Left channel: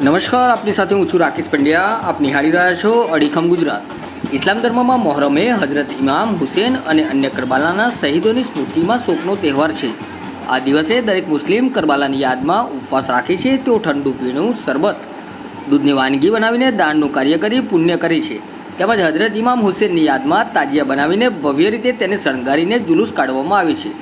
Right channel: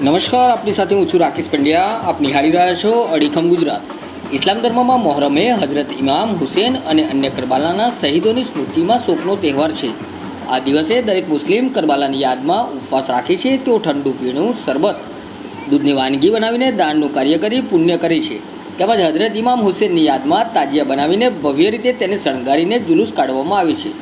નમસ્કાર, આપની સાથે હું છું રાકેશ પંડ્યા. આપ નિહાળી રહ્યા છો અડીખમ ગુજરાત. ઇસ્લામ ધર્મમાં મોહરમે હજરત ઇમામ હુસેન અને અન્ય કરબાલાના શહીદોની સ્મૃતિમાં શોકનો તહેવાર છે. આ દિવસે દરેક મુસ્લિમ કરબાલાની યાદમાં ઉપવાસ રાખે છે તેઓ ઠંડુ પીણું, શરબત, દૂધની વાનગી બનાવીને દાનનું કાર્ય કરી પુણ્ય કરે છે. તેમજ હજરત ઇમામ હુસેનની યાદમાં તાજિયા બનાવીને ભવ્ય રીતે તેને શણગારીને જુલુસ કાઢવામાં આવે છે.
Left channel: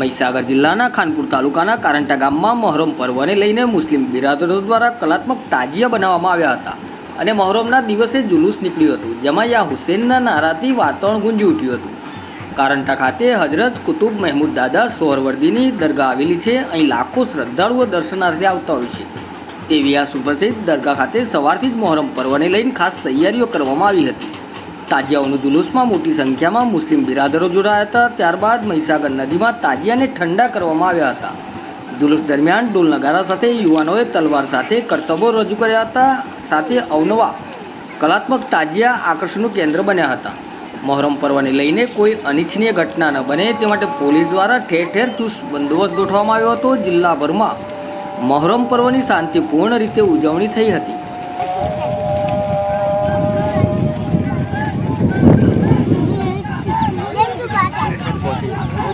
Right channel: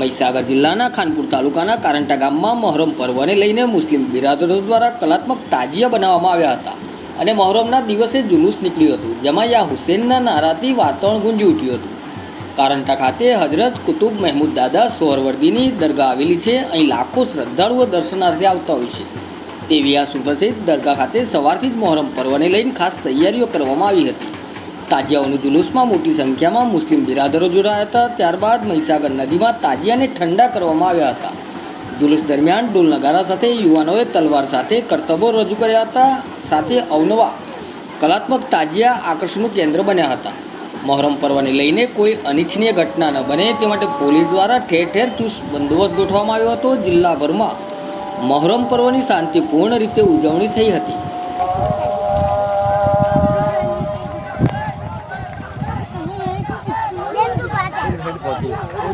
મહીસાગર જિલ્લાના ખાનપુર તાલુકાના કારંટા ગામમાં મહોરમ પર્વને લઈને મુસ્લિમ બિરાદરો દ્વારા કલાત્મક તાજિયા બનાવવામાં આવ્યા હતા અને મહોરમના દિવસે જુલુસ નીકળ્યું હતું, જેમાં યા હુસેનના નારાથી વાતાવરણ ગુંજી ઉઠ્યું હતું. કારંટા ખાતે હજરત કુતુબ મહેમૂદ દાદા સોહરવર્દીની દરગાહ આવેલી છે, અહીં લાખો શ્રદ્ધાળુઓ દર્શનાર્થે આવતા હોય છે. તેવી આ સુપ્રસિદ્ધ દરગાહ ખાતે સવારથી જ મહોરમ પર્વને લઈને ખાસ તૈયારીઓ કરવામાં આવી હતી. તાજિયાઓનું જુલુસમાં મોટી સંખ્યામાં મુસ્લિમ બિરાદરો જોડાયા હતા. ત્યારબાદ મહીસાગર નદીમાં તાજિયાને ઠંડા કરવામાં આવ્યા હતા. જુલુસ દરમિયાન ડોલ નગારા સાથે યુવાનોએ તલવાર સાથે કરતબો રજૂ કર્યા હતા. સાથે અવનવા કલાત્મક તાજિયા આકર્ષણનું કેન્દ્ર બન્યા હતા. મહોરમ પર્વને લઈને કોઈ અનિચ્છનીય ઘટના ન બને. તે માટે પોલીસ દ્વારા ઠેર ઠેર ચુસ્ત બંદોબસ્ત ગોઠવવામાં આવ્યો હતો. જિલ્લાભરમાં મહોરમ પર્વની શાંતિપૂર્ણ રીતે ઉજવણી થઈ હતી.